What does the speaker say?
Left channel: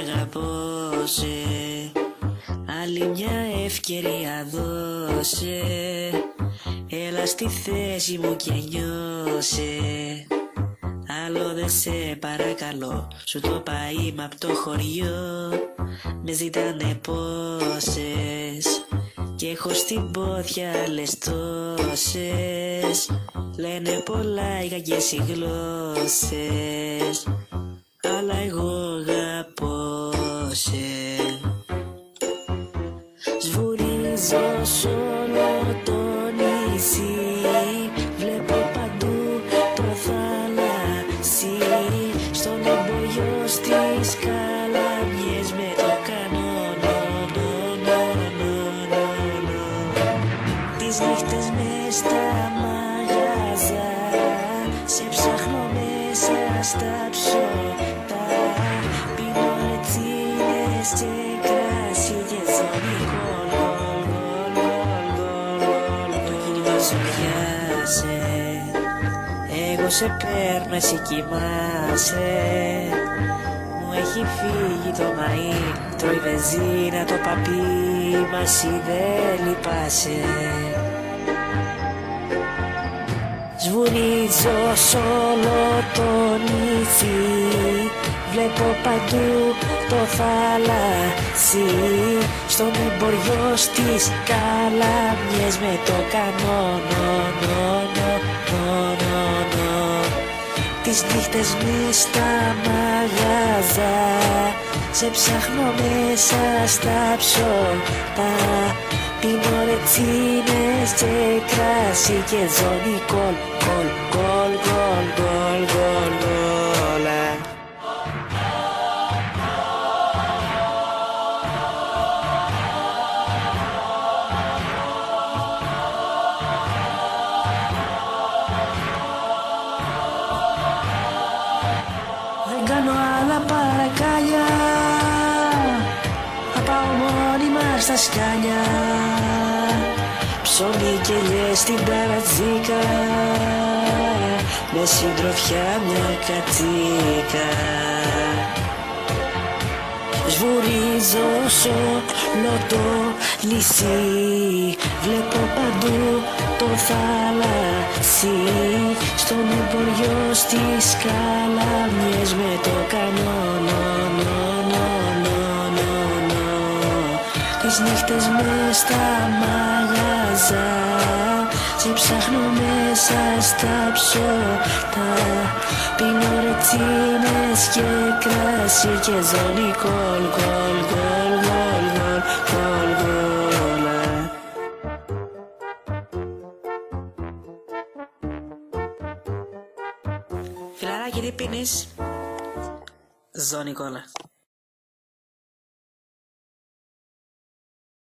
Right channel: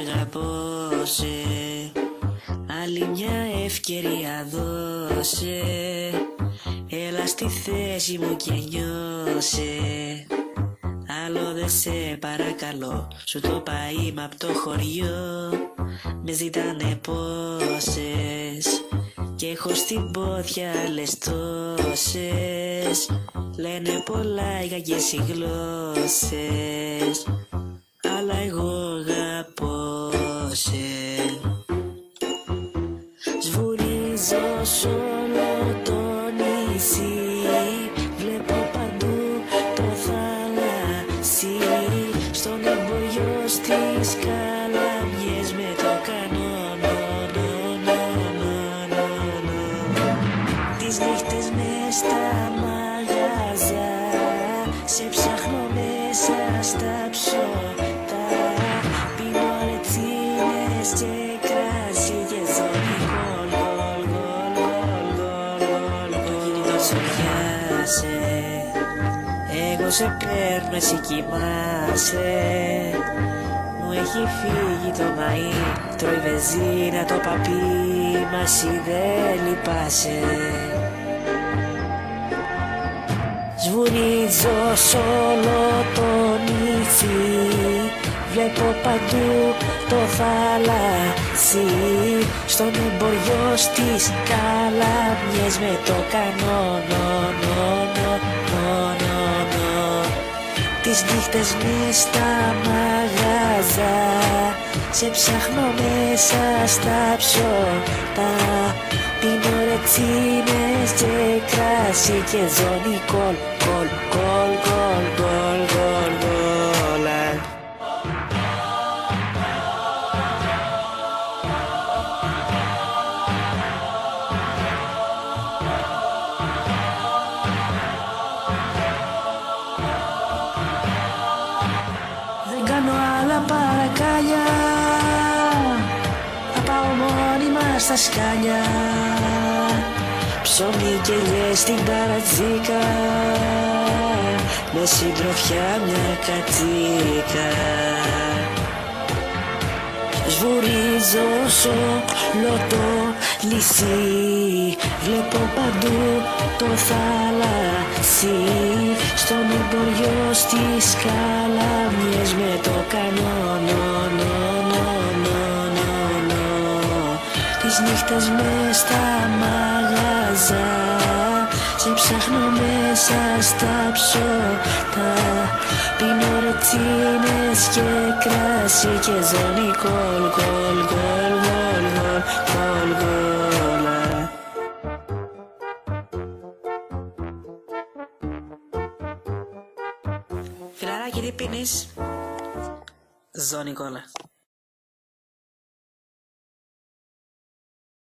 αγαπώσε, άλλη μια ευκαιρία δώσε, έλα στη θέση μου και νιώσε. Άλλο δεν σε παρακαλώ, σου το πάει απ' το χωριό. Με ζητάνε πόσες και έχω στην πόδια άλλες τόσες. Λένε πολλά οι κακές οι γλώσσες, αλλά εγώ αγαπώ σε. Σβουρίζω σ' όλο το νησί, βλέπω παντού το θαλάσσι. Στον εμποριό στις καλαμιές με το κανόνο. Τις νύχτες μες στα μαγαζιά, σε ψάχνω μέσα στα ψώτα. Πίνω ρετσίνες και κράσι και ζωνικό. Εκείνη δεν ζωριάζε, εγώ σε παίρνω, εσύ κοιμάσαι. Μου έχει φύγει το μαΐ, τρώει βενζίνα το παπί, μα εσύ δεν λυπάσαι. Σβουρίζω σ' όλο το νησί, βλέπω παντού το θαλάσσι. Στον εμποριό στις καλαμιές με το κανόνο. Τις νύχτες μες στα μαγαζά, σε ψάχνω μέσα στα ψώτα. Πίνω ρετσίνες και κράσι και ζώνη κολ, κολ, κολ, κολ, κολ, κολ, όλα. Δεν κάνω άλλα παρακάλια, θα πάω μόνιμα στα σκάλια. Ψωμί και λες στην ταρατζίκα, με συντροφιά μια κατσίκα. Σβουρίζω σ' όλο το νησί, βλέπω παντού το θαλάσσι. Στον εμποριό στις καλαμιές με το κανόνο. Τις νύχτες μες στα μαγαζιά, σε ψάχνω μέσα στα ψώτα. Πίνω ρετσίνες και κράσι και ζώνη κολ, κολ, κολ, κολ, κολ. Φιλαράκι, τι πίνεις? Ζώνη κόλλα.